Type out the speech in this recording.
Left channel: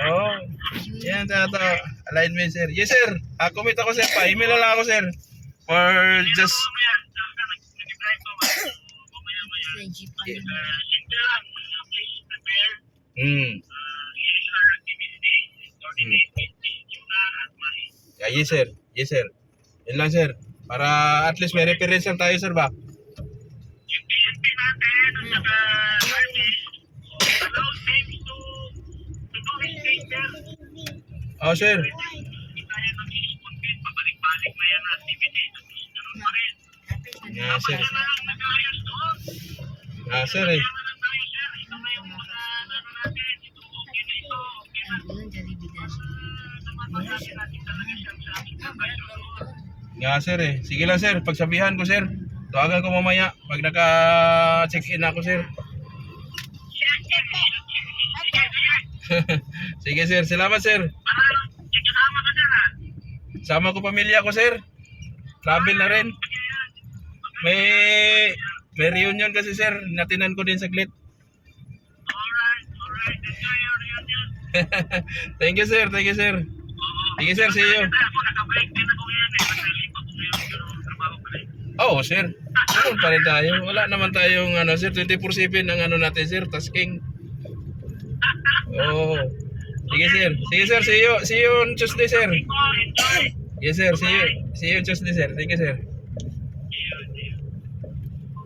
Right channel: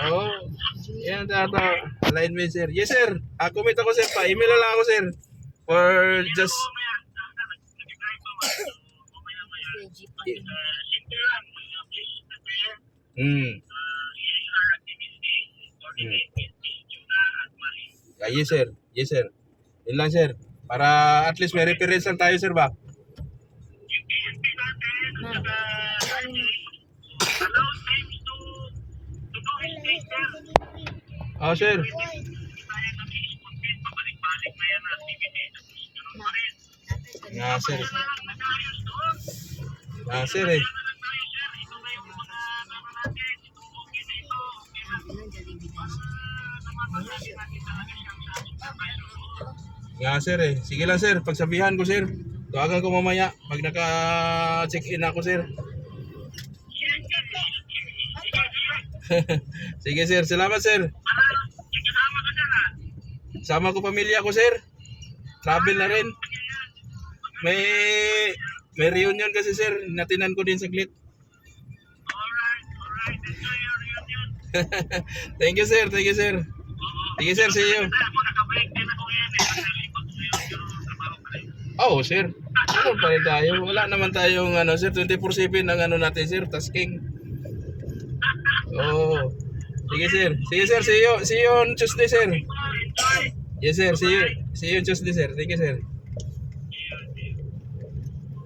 Oo. Yan, tata. Alignment, sir. Yes, sir. Commit ako, sir. Pa-email na lang ako, sir. For just... Hmm. Yes, sir. Yes, sir. Yun lang, sir. Para at least may reference lang tayo, sir, ba? Oh, sir. Nga, sir. Nga, sir, eh. Nga, sir, eh. Sige lang, sir. Pagsabihan ko, sir. Tawagan ko mamaya pag naka-check-in ako, sir. Sige, sir. Salamat, sir. Sama ko pamilya ko, sir. Travel na rin. May reunion kasi, sir. Natinan ko din saglit. Thank you, sir. Thank you, sir. Sige, sir. See you. Oh, sir. Ano pa rin tayo? Wala naman tayong ano, sir, 24/7 ang ano natin, sir, tasking. Oh. Sige, sir. Sige, sir. See you on Tuesday, sir. Yes, sir. See you on Tuesday, sir. Thank you, sir.